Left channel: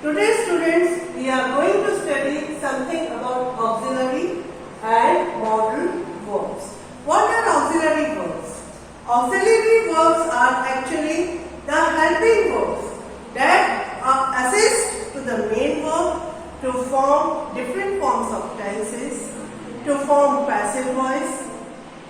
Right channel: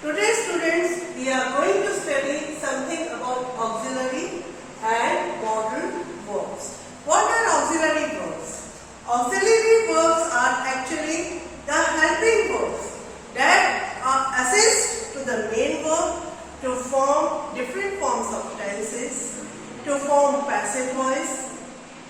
Today students, we are going to study something about auxiliary and modal verbs. What are auxiliary verbs? Auxiliary verbs are actually the helping verbs that assist to the main verb to form different forms of tenses, to form passive voice,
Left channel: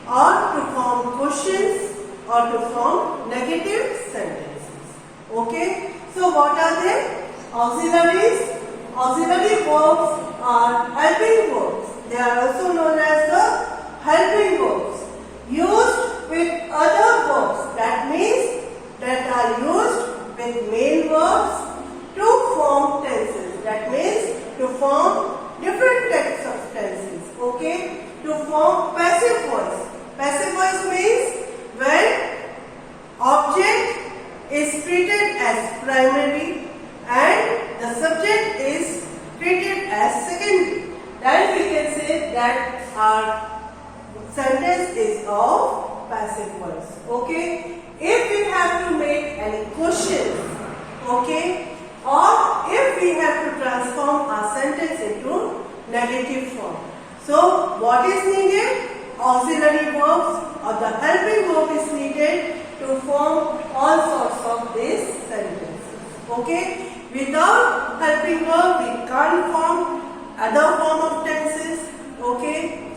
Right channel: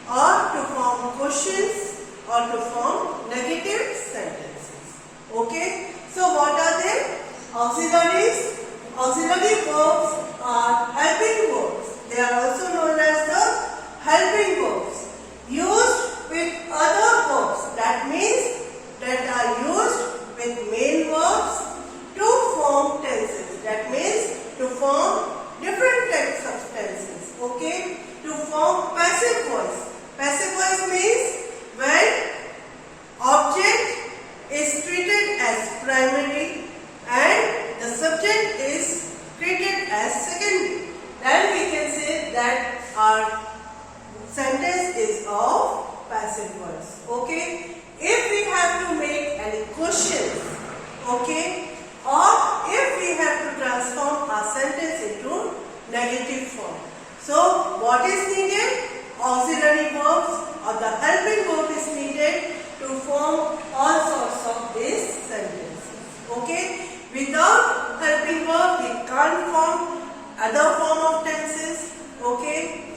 or to form questions, or to form negative sentences. Okay? So what are they? Auxiliaries. Auxiliary verbs are helping verbs. They are also known as the helping verbs used with other verbs. That means that are used with main verbs to form tenses. That means to form different types of tenses. Okay? To form passive voice. Passive voice means when object is treated as primary and the subject is treated as secondary, then we can say that our sentence is of passive voice. Okay? If we have to make any questions, okay, or if we have to transform our sentence into negative form. So what is needed? Auxiliary verbs or the helping verb is needed to form all sorts of these sentences. Okay? Without helping verb, we can't form other form of tenses. Okay?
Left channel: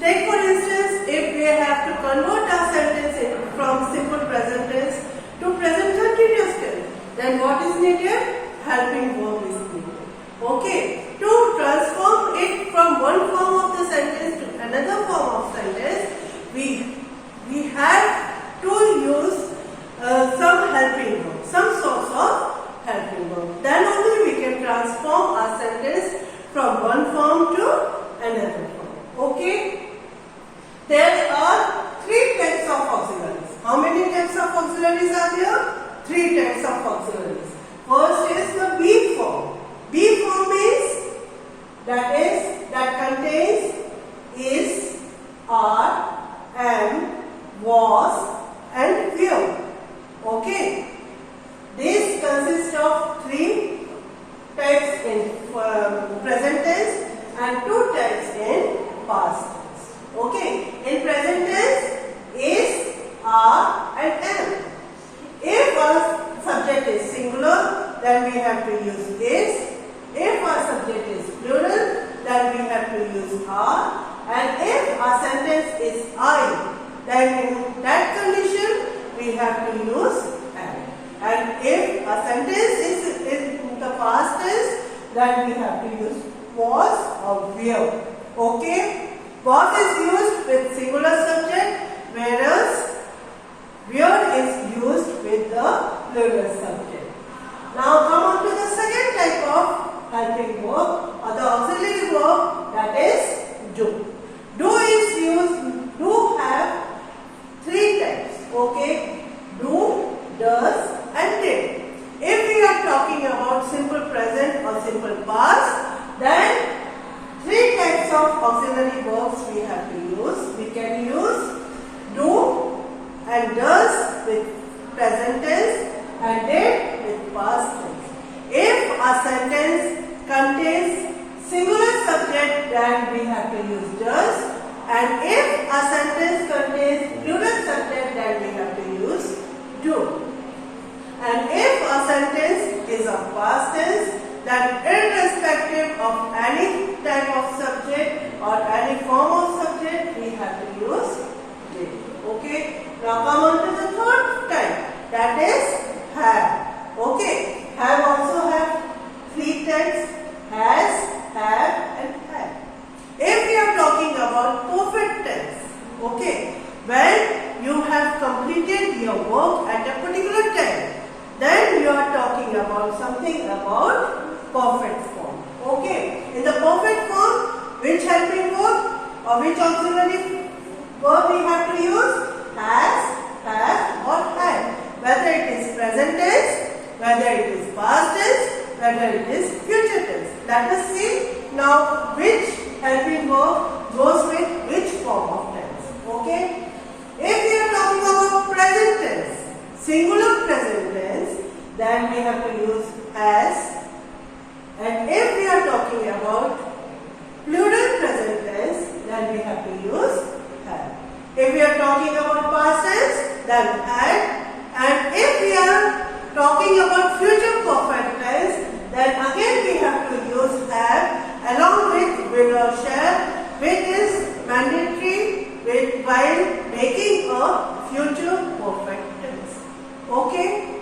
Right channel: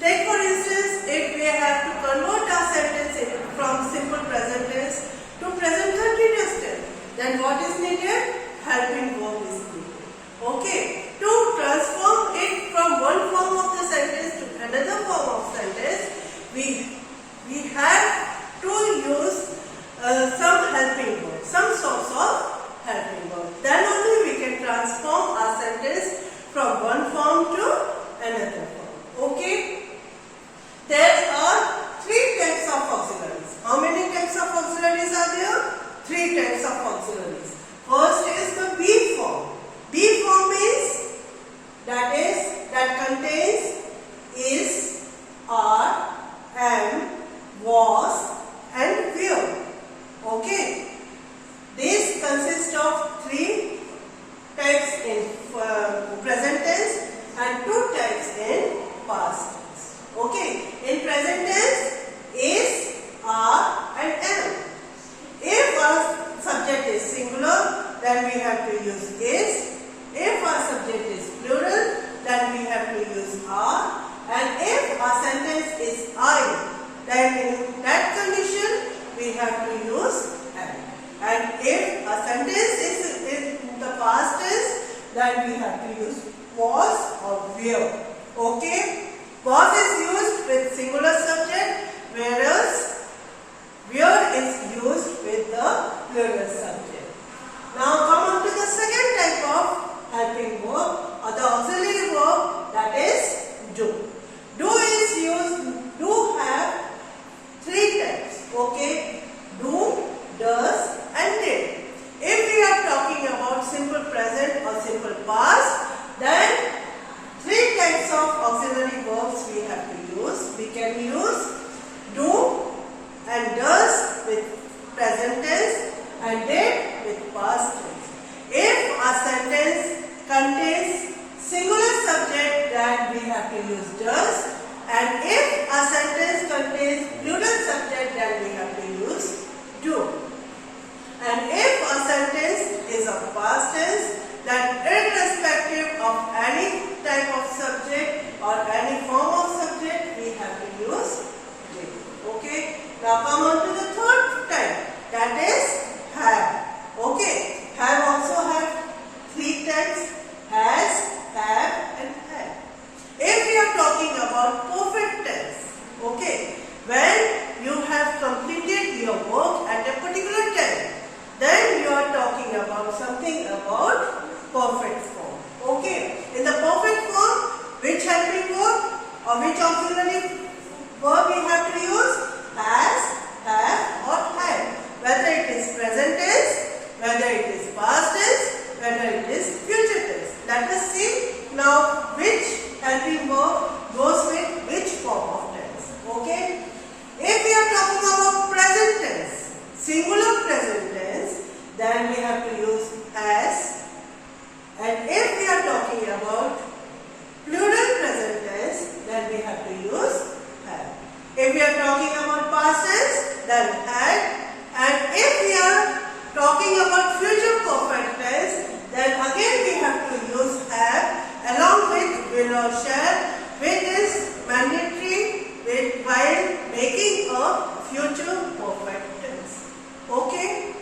Take for instance, if we have to convert our sentence from simple present tense to present continuous tense, then what is needed? Helping verb is needed. Okay? To transform it from one form of the sentence to another form of sentence, we have to use some helping verb, some sorts of helping verb. Then only we can transform our sentence from one form to another form. Okay? There are three types of auxiliaries. How many types of auxiliaries are there? Three types of auxiliaries. First is the be form. Be form means that contains is, are, am, was and will. Okay? These consist of three types in present tense and two types in past tense. Okay? In present tense, is, are and am. If our subject is singular, then we have to use is. If our subject is plural, then we have to use are. And if our sentence is I, then in that condition, we have to use am. And if a sentence is in the past tense, then we have to use was or were. Okay? Was is used with singular subject, whereas were is used with the plural subject. Now come on to the second type of helping verb or the auxiliary verb, that is do. Do is used, do have three types. Okay? Do, does and did. If we are talking about simple present or simple past, then three types of auxiliary verbs we have to use. We can use do and does with present tense and did with past tense. If a sentence contains singular subject, then we have to use does, and if a sentence contains plural subject, then we have to use do. And if a sentence is of past tense, then irrespective of any type of subject or any form of subject, we have to use did. Okay? Now come on to the third type, that is have. Okay? Have also have three types, has, have and had. If we are talking about perfect tense, okay, when you have completed your work at a particular time, then you are talking about something about perfect form. Okay? In the perfect form, which helping verb or which auxiliary verb we have to use? Has, have or had. Whether it is present tense, whether it is past tense, whether it is future tense. Let us see now which helping verb goes with which form of tense. Okay? If we are talking about present tense, singular present tense, then we have to use has, then had. And if we are talking about future perfect tense, then again we have to use have along with will or shall, which is mandatory while making a future perfect tense. Okay?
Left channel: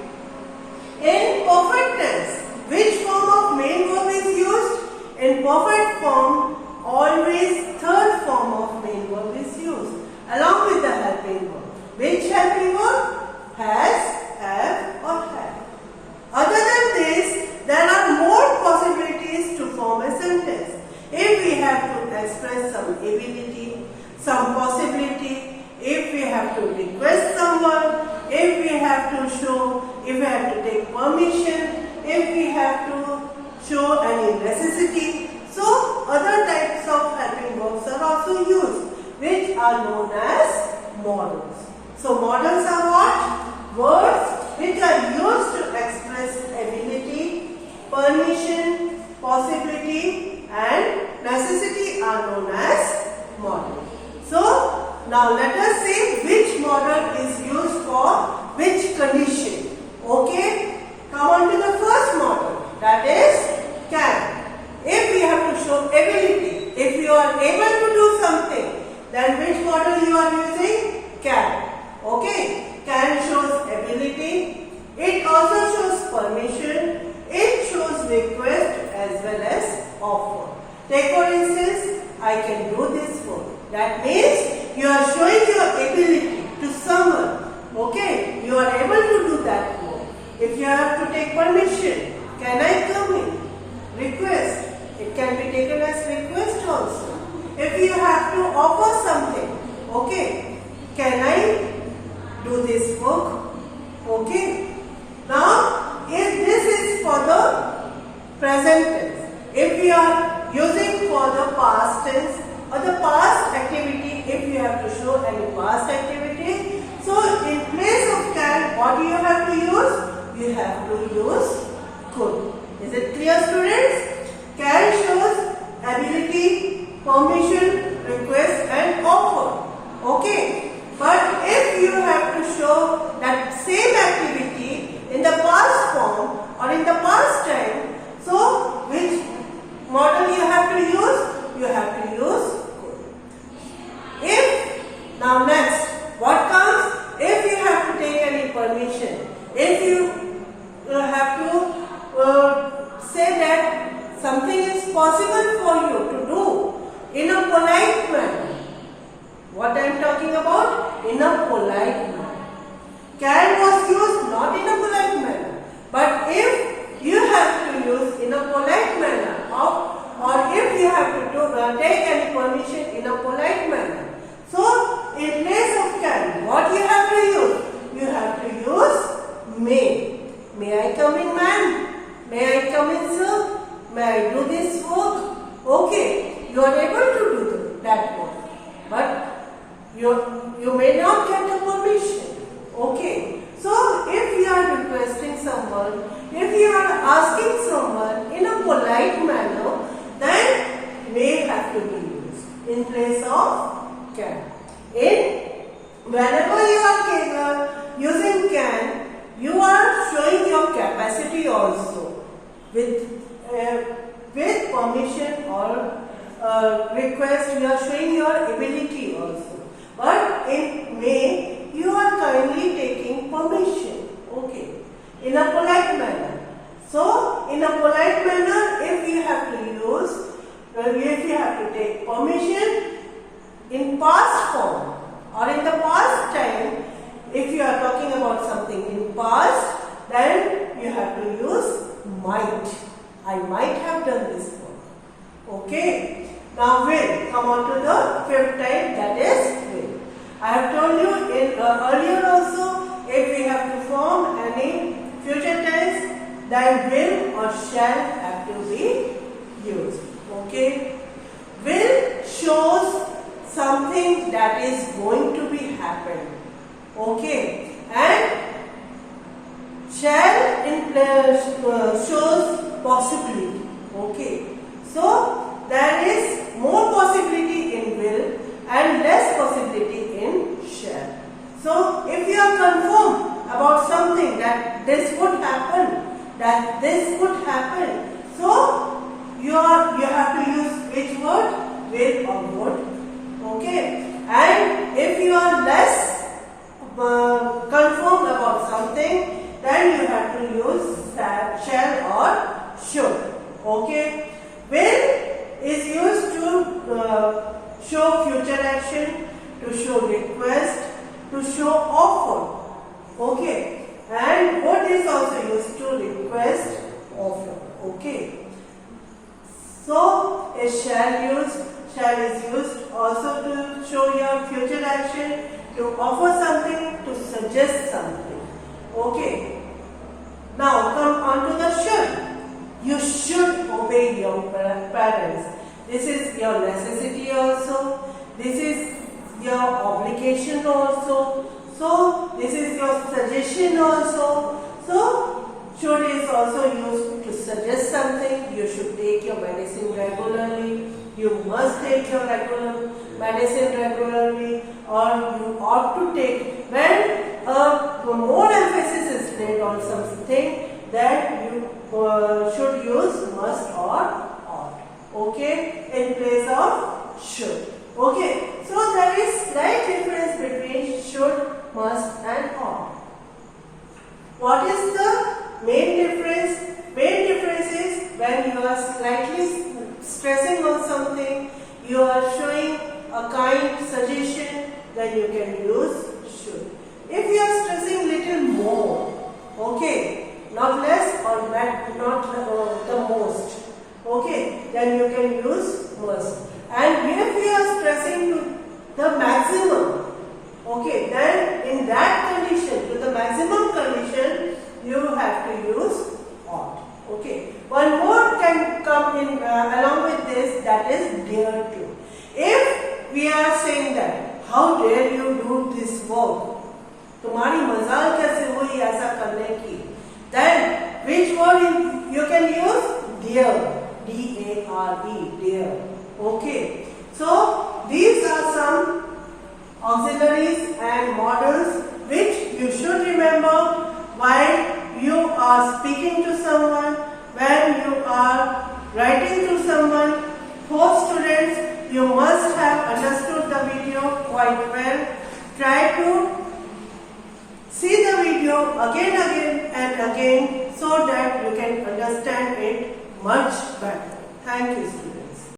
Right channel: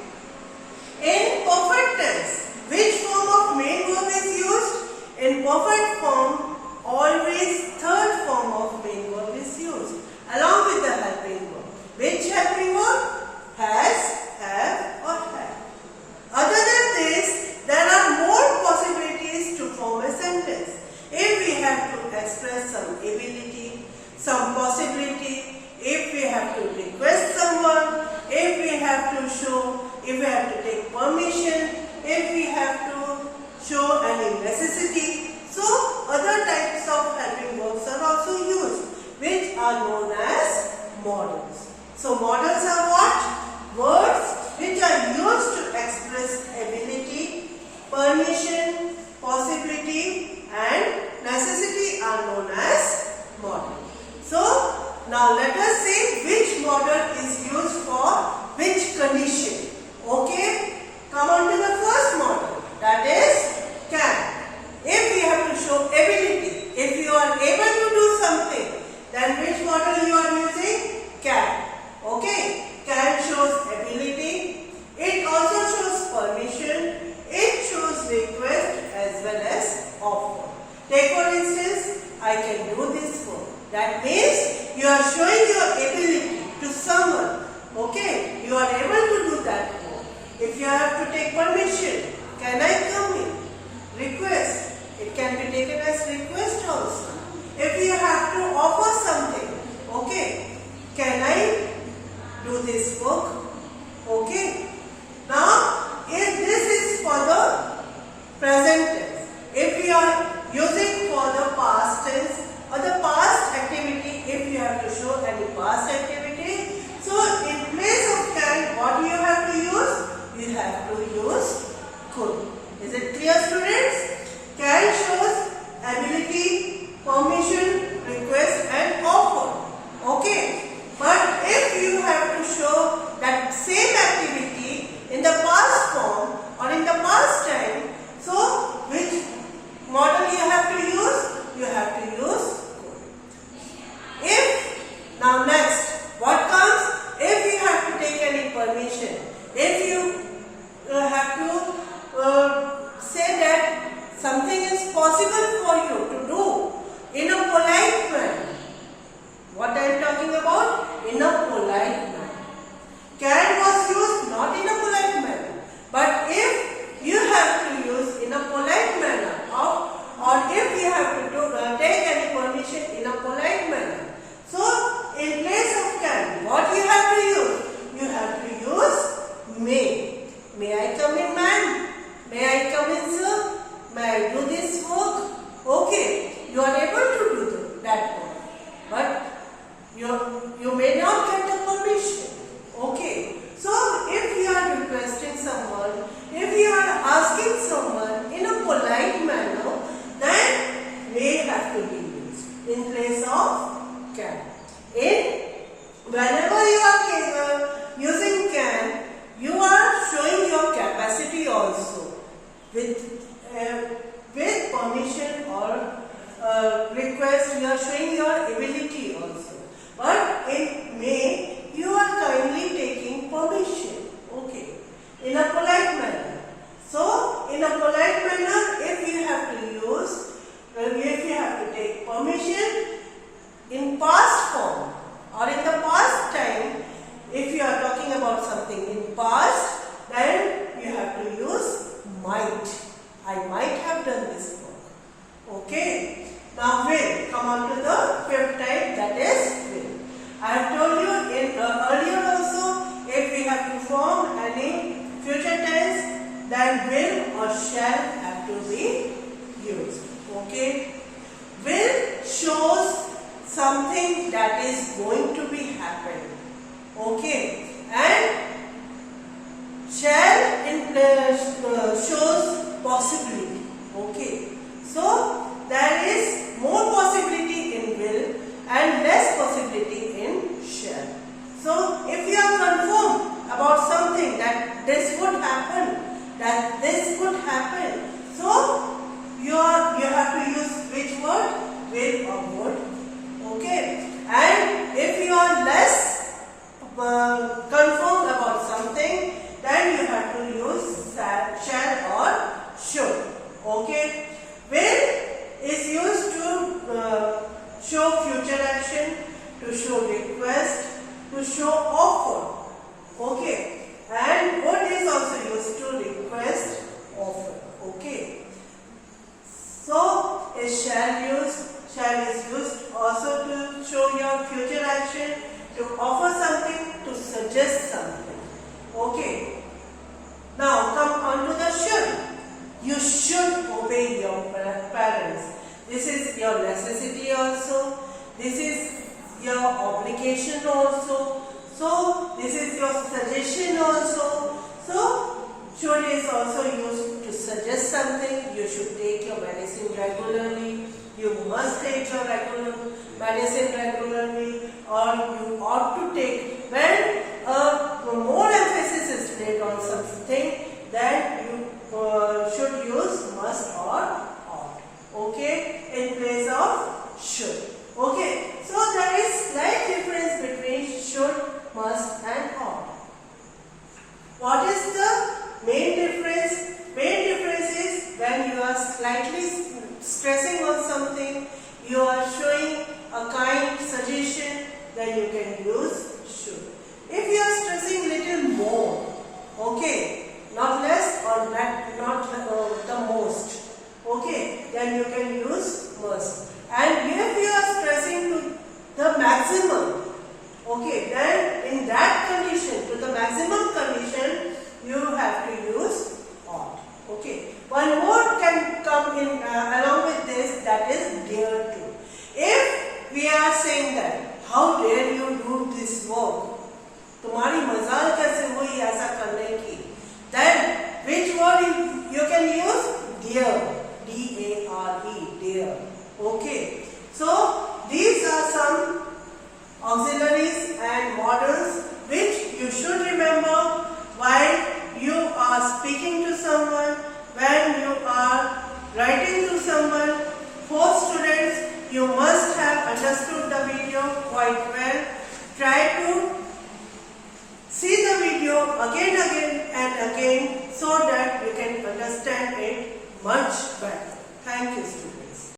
In perfect tense, which form of main verb is used? In perfect form, always third form of main verb is used along with the helping verb. Which helping verb? Has, have or had. Other than this, there are more possibilities to form a sentence. If we have to express some ability, some possibility, if we have to request someone, if we have to show, if we have to take permission, if we have to show any necessity. So, other types of helping verbs are also used, which are known as modals. So, modals are what? Words which are used to express ability, permission, possibility and necessity are known as modal. So, now let us see which modal is used for which condition. Okay? Come on to the first modal, that is can. If we have to show ability, if you are able to do something, then which modal you are using? Can. Okay? Can shows ability. It also shows permission. It shows request as well as offer. Take for instance, I can do this work. That means you are showing your ability to someone. Okay? You are able to do that work. If you have to take permission, can I come in? Request. It can be taken as request also. If you have to offer something, okay, can I do this work? Okay. Now, if this is for the present tense, if we are using for the past tense or the past activity, if you have to show any past activity, so in place of can, what do you have to use? You have to use could. Is it clear, students? Can shows ability, permission, request and offer. Okay. But if you have to show that same activity in the past form or in the past time, so which model you have to use? You have to use could. If, now next, what comes? If you have to take any permission, if you have to say that something is possible for you to do in a polite manner. What I am talking about? In a polite manner. Can was used not in a polite manner. But if you have to use in a polite manner or if you have to take any permission in a polite manner. So, in place of can, what you have to use? You have to use may. May I come in, ma'am? May I come in, sir? May I do this work? Okay, you are able to do that work. But you may not get the permission. Okay. So, if you are requesting someone, if you are asking someone in a polite manner, then may have to be used in place of can. Whenever you are using can, you are showing your capacity also with permission or request. You are showing your ability also. But in may, you are kindly taking permission. Okay. In a polite manner. So, in a polite manner, if you have to use, if you have to take permission in past form or in the past time, if you are talking about something in past, then you have to use might. I might have done this work. Okay. Now will, come on to the fifth type, that is will. I have told you in earlier also, if we have to form any future tense, then will or shall have to be used. Okay. Will shows something that is going to be happening. Okay. And shall shows possibility. Okay. So, there is more possibility in will and less possibility in shall. So, if you are about something that this would happen, that this would happen. So you have to use which word? Will or would. Okay. And if you are less confirmed about something, then you have to use shall or should. Okay. Will is used to show future action, to show request, to show offer. Okay. And would is also used to request, offer. Okay. So is shall is used also to show your future action, to offer something, to suggest something. Okay. Now come on to the should. You should obey your parents. This is your necessity also. This is your obligation also. So this is your suggestion also. So should is also used to suggest something. You should take your medicine regularly. You must take your medicine regularly, or you ought to take. When more emphasis is laid on something, then you should use must or ought. Okay, in place of should. Okay, so there is slight difference between should, must and ought. What is the main difference? Main difference is when you are slightly stressing on something, you are showing a kind suggestion, then you can use should. If you are stressing little more, okay, not less or not the most, okay, then you can use must. And if you are stressing to the maximum, okay, then in that condition, to the maximum condition, you have to use ought. Okay. One more can come in along with this, that is dare to. If we are saying that, how dare you do this work? तुम्हारी मजाल कैसे हुई ऐसा करने की? Then which word you can use? Dare. D-A-R-E. Dare. Okay. So these are some auxiliaries and models which you should remember while you are speaking to someone, when you are writing to someone. For students, you must have understood the video quite well. Try to see the video again and again so that you can understand it much better. Thank you, students.